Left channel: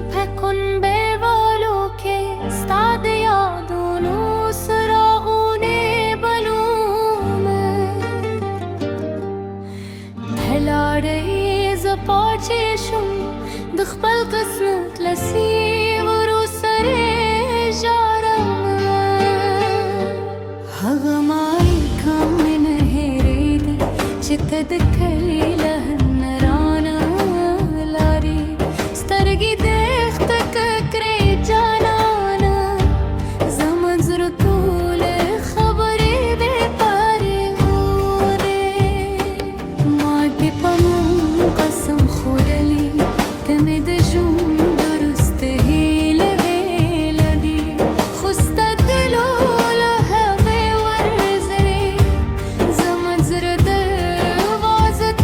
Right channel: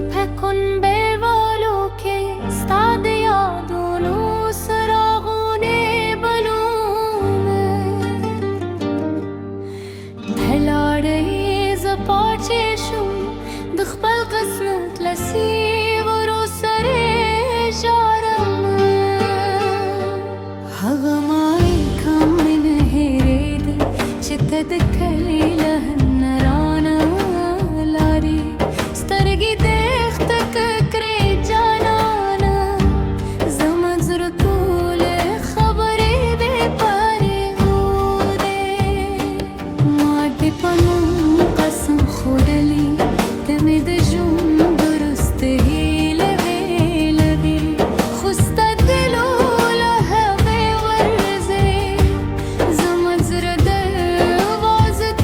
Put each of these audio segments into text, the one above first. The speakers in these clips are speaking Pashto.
فكن بالو के استاد يادونو سراغوني بلومه بهالعري زباچشم دخبل قسمت لسي غرو سري جارم هغماي كم من هيريدي شتدكلي لهالنرانا لاري سترقي دختك كري جانانا زمن زرطول خبري دي باري غودي ما دي بانو قسم خودلي تمد جم درست هيل هيل دي خستا دلو لهوي ورزي زمن زرد وازت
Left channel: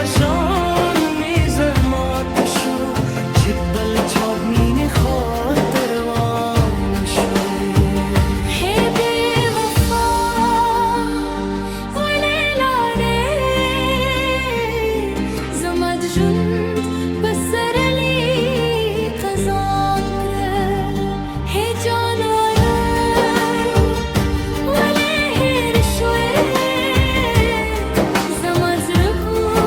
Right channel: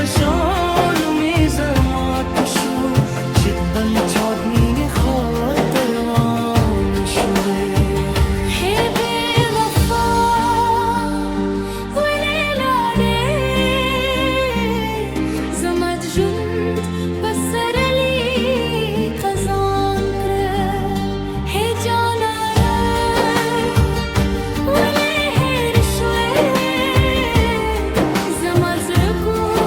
پشان میزر مات شو چت بل چاد مینه خاطر وان شوی هی بی‌وفا وليلاري زمد جند بسر لي قزان كره هي جانانا ولي هير شوي زمد زركو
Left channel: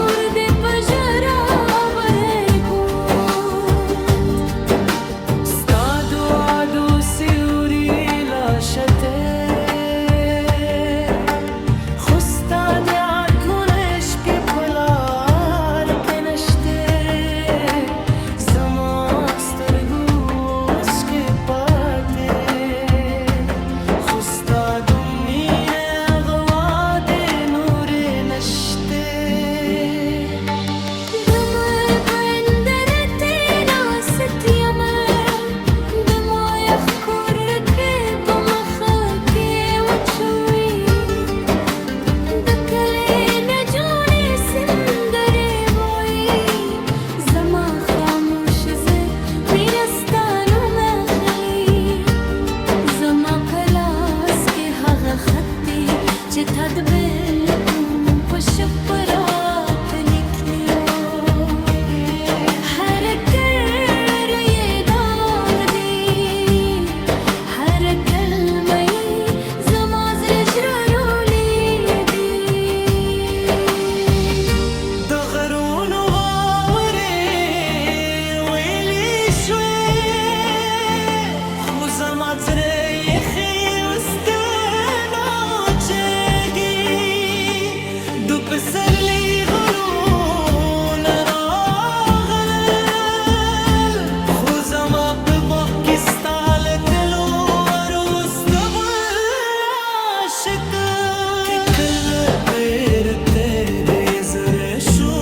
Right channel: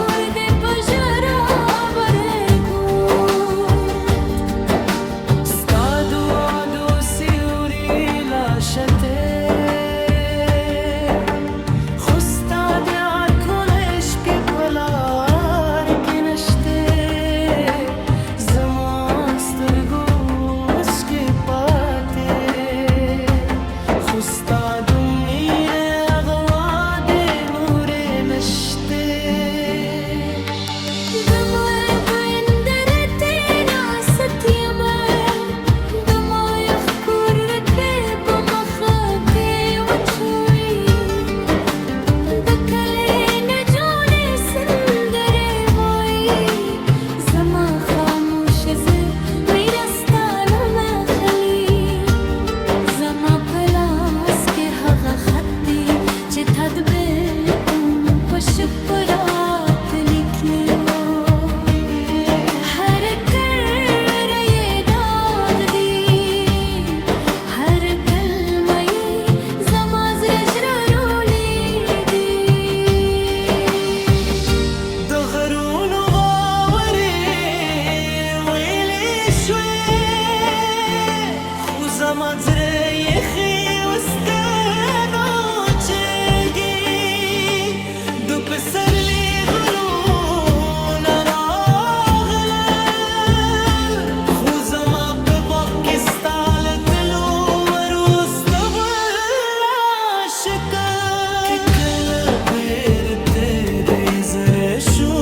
جتهد بكم والشبرات لكليو هركر يداغ دي هركل مي زماز رجرولي دي دغرون واوري ويلي شوي وزماز ريخي وستانو بسر لي غلون راغلل خوزة ما ببق استعلت له وروس تبل عشقك كل بيرتي ديزر شو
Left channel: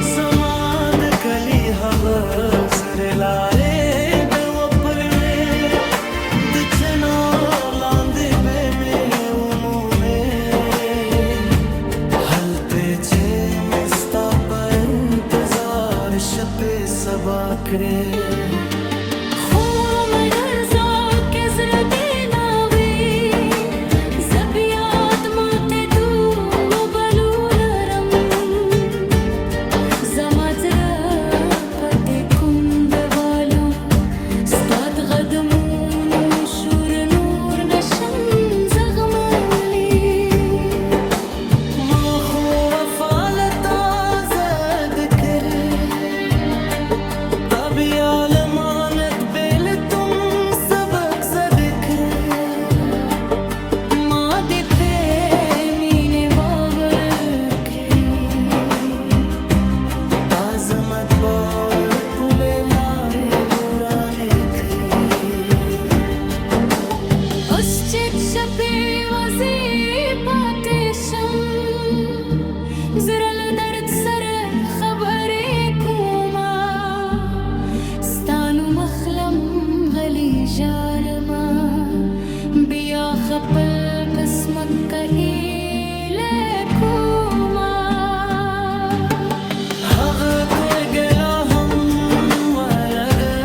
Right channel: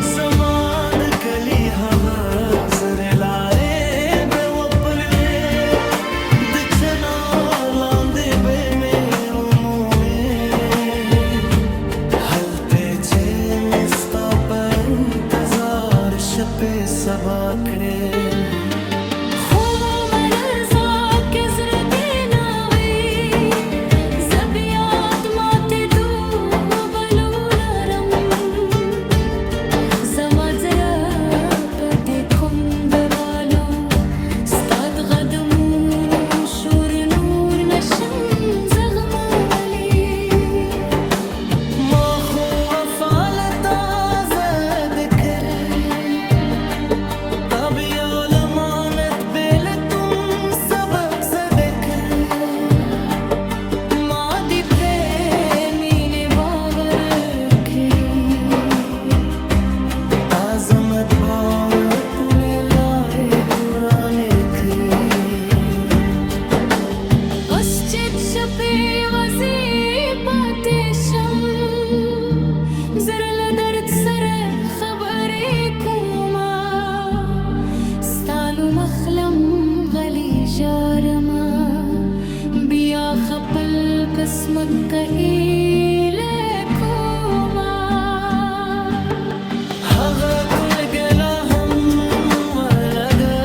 زمان كليها غزر العري بوبل دكنا لاندي بمي شپه سبا کړې خو مگر زاک زړه دې ناوي زبيات ماته دو بلو لرم زما زړه پدې وفالتا ذكر طب يا لمانت بيلتم سبق ذكر ماضي पे मीने बावर करी आजमत बावर पुले लारे उराने करी उसचित शपे वजी पातेशम زرل درد سر خبري كوما ستانو مخلم غلي جارما بيا خپل قسمت إليكوما هغه کوئی گلا هم ولګه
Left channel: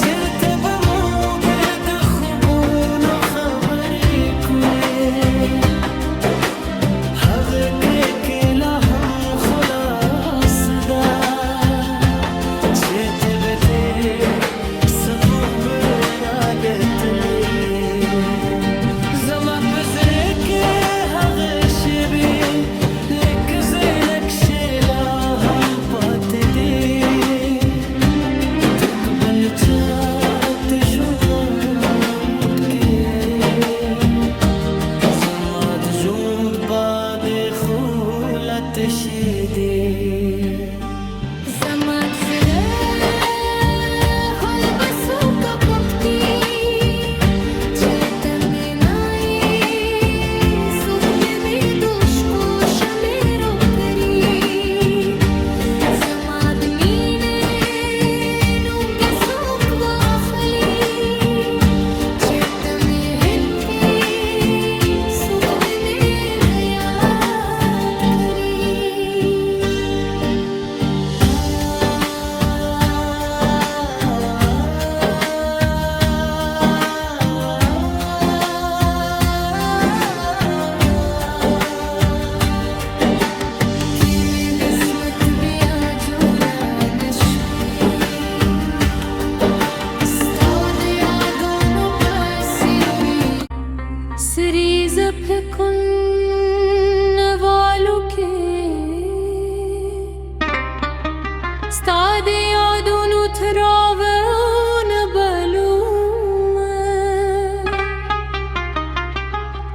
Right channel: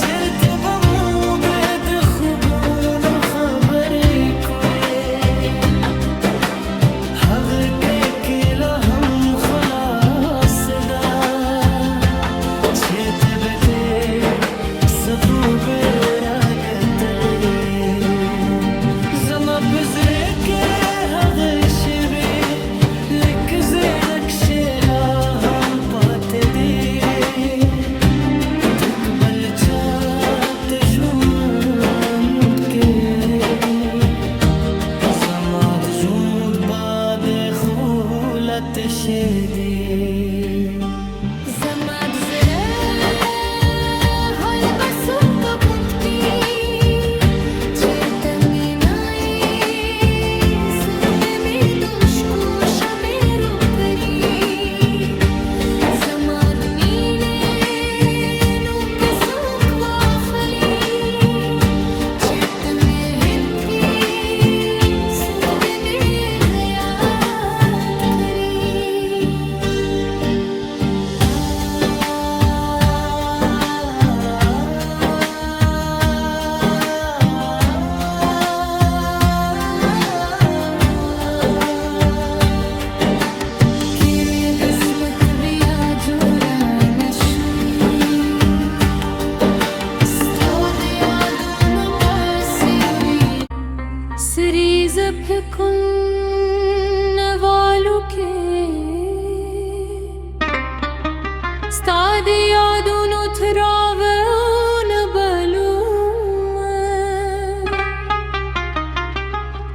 چرته به مو بد خوبونو خبرې کولې هغه کله هم خلاص ده چې ته به ته سپو راګتلې زما په زړه کې هغه شېبې لکه نقشې لا هم پاتې دي د بل چا تشوند کې زما د ژوند باد خولت شه دي زما د زړه حال به څوک پوښتي چې ته مې نه یې څوک به مې دوش کو شمېرو کړي زما د مینې نوم به څوک واخلي چې ته مې هېڅ څوک به مې یاد کړي कि मैं किस्मत बिया जोड़ा नशुई استاد यादों पसिउरी سريز بكن والو के استاد यादों تراون بلوم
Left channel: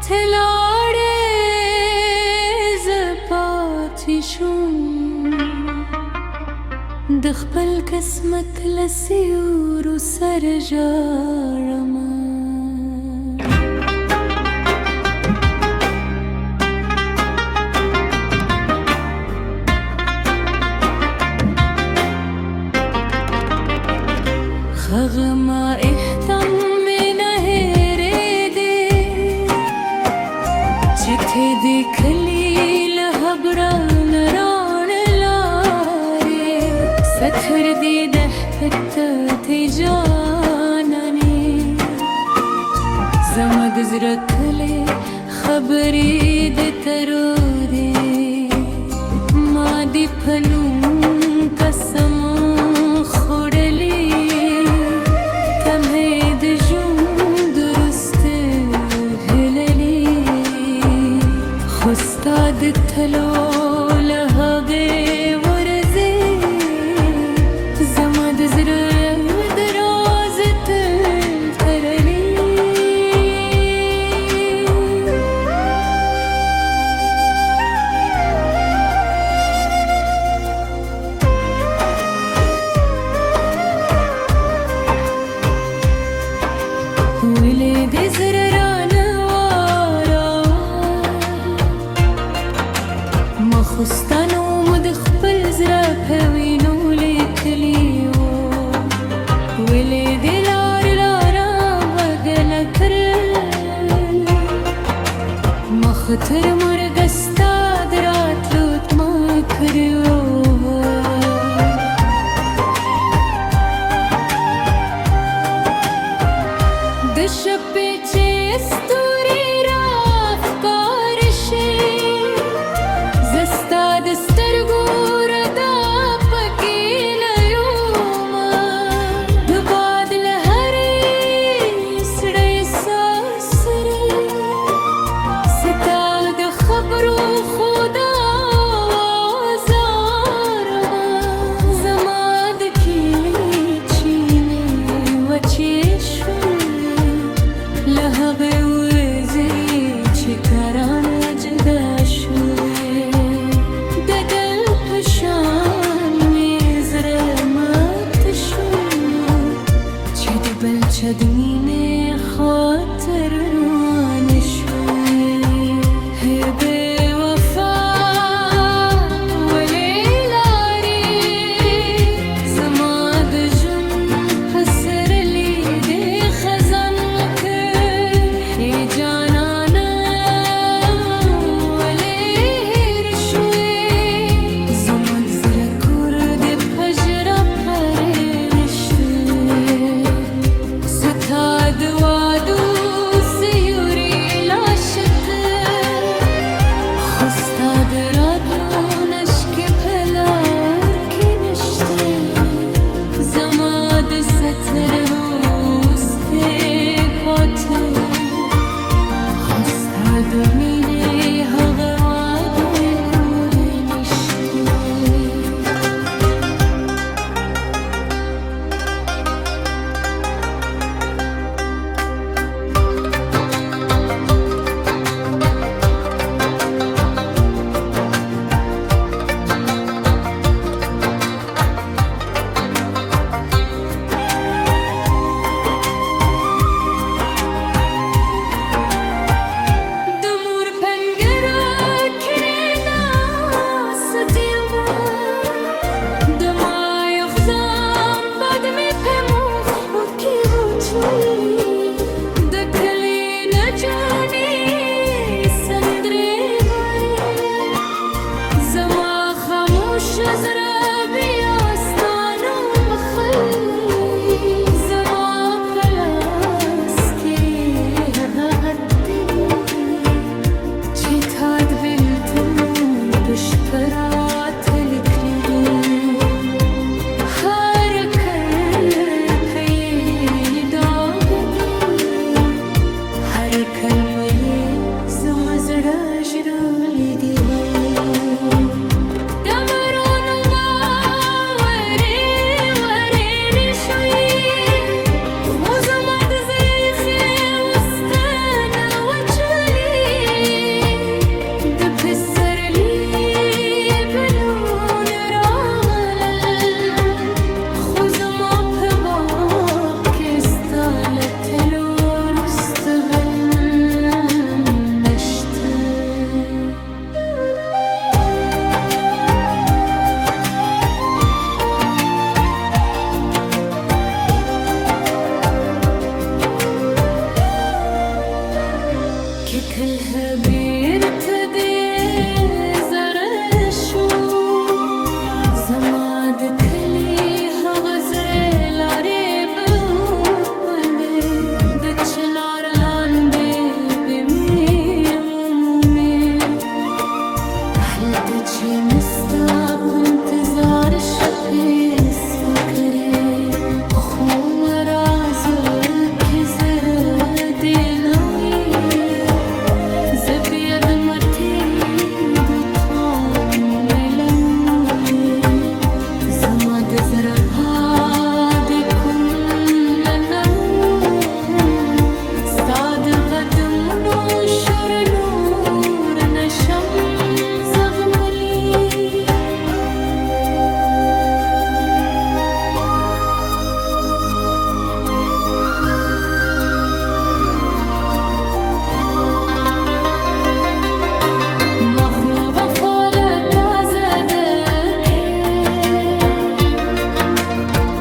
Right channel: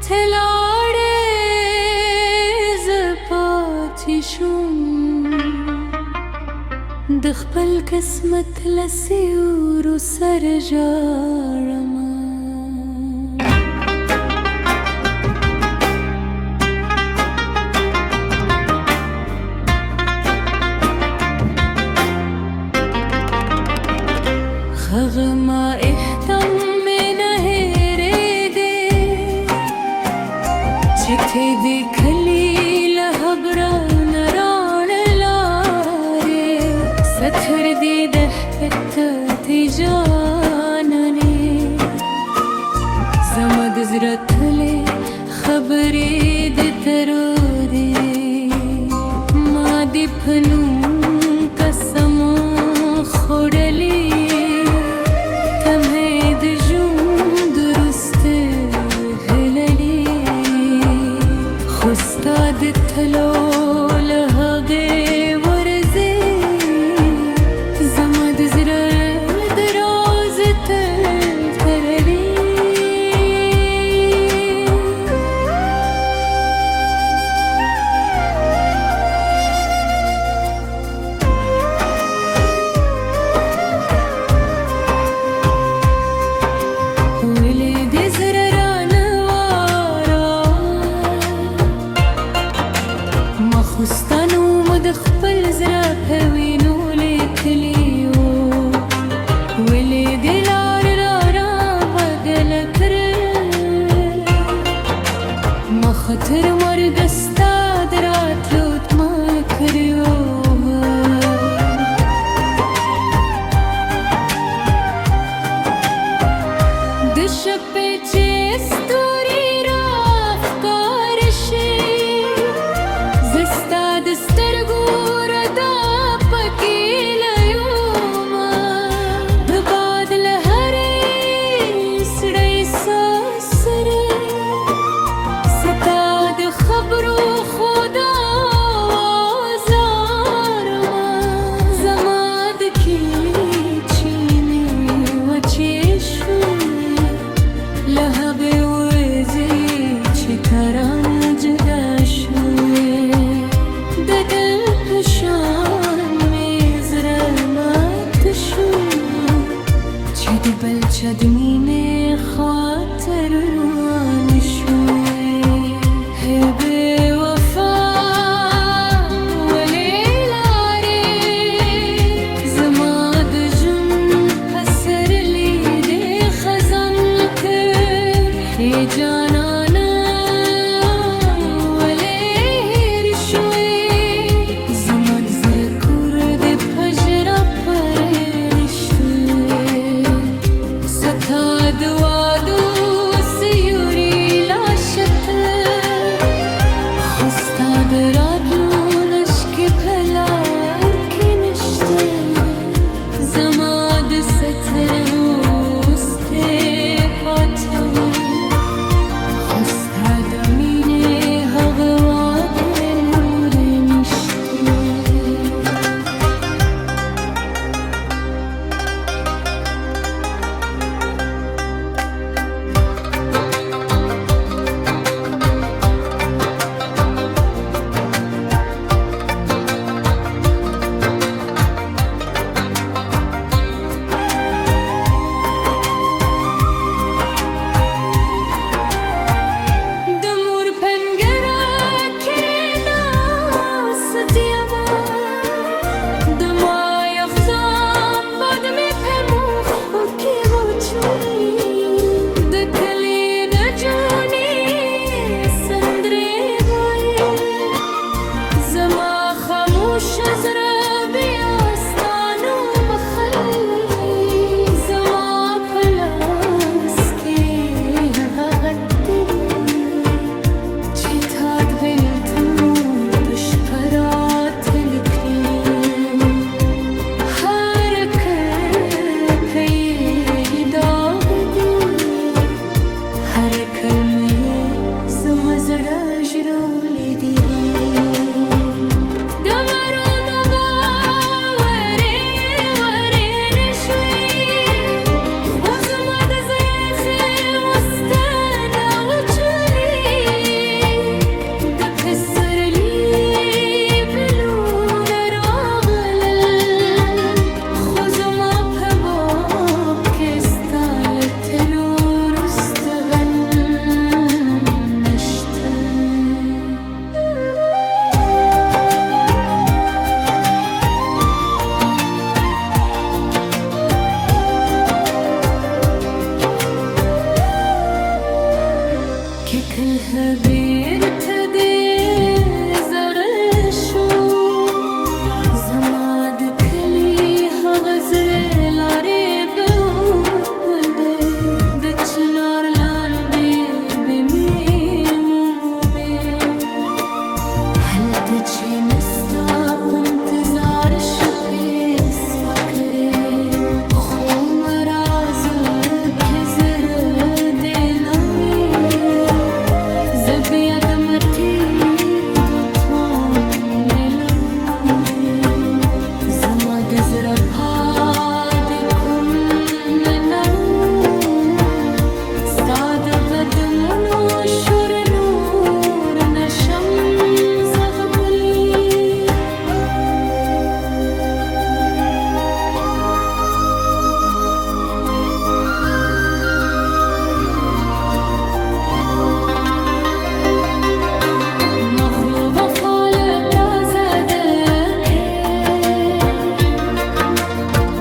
تلاړې زپاتې شوم د خپل قسمت لسیورو سر ژاړمه هغه ما احتم مې نه هېرېدې چې ته دې کلي له هبرانه راڼلارې ستر دې د حفتاتې جانانې زما د زړه تلې خبرې د ترورې ما دې په نوم قسم خوړلې استاد تلو له هغې ورځې زما د زړه د راز تل تړلې ولې دې زړه رانه واره مخستانو مو د خپل زړه په وینو لیکلي وو ولې دې لار را بدله کړل مخ تر مرګه ستا د راتلو تمه کړې وه د شپې چې ستوري راښکاره شي زه ستا د سترګو ردا پکې لیومه د باد له هرې سړی ساه سره ستا د خبرو هغه وزي چې کرانه جدا شوې د دل په شان مې زړه مات شو چې د بل چا د مینې خاطر روان شوې هی بې وفا ولې لارې زما د ژوند په سرلي دې خزان کړ ای جانانه ولې هېر شوې زما د زړه کور دې په ژړا پرېل شوې ستا د وادو سیوري لاشه ته خو ستا د راتلو نشکې په لار کې نشته زما د ستر وروستې پاچلې خو ستا د مینې هغه واده نورې نشته زړه بیا ستا نوم اخلي زما په لاس کې هغه غدې چې تا د بېلتون په شپه راته لیکلي هر کرښه یې داغ دي هر کلمه یې زما زړه ژړولی دی که کله بیرته دې زره شو زما د کلي هغه زړې لارې به وپلې د چنار لاندې به مې ومومې هلته چې مې ستا په انتظار شپې سپکرې خو مرازه کې زره دې نه بیا د مټې د توم ملمومې زما د زړه پاد کوم نه ستا د قدمونو شور نور نشم زغملی خو وفال تازه دکه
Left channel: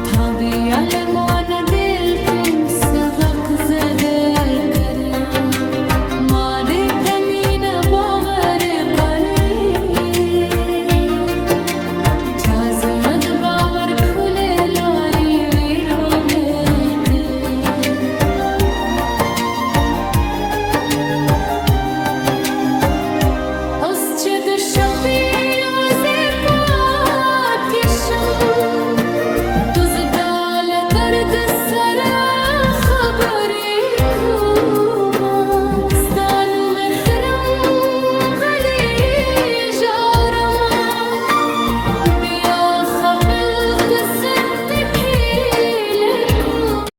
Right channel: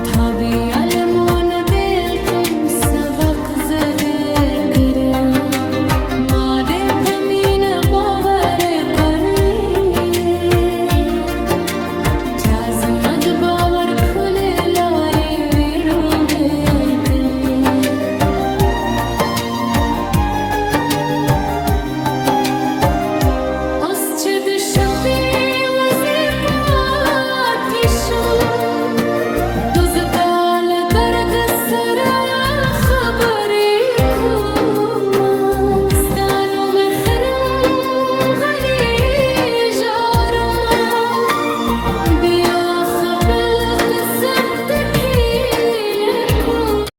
تابی علمان دلتون سبق زده کرد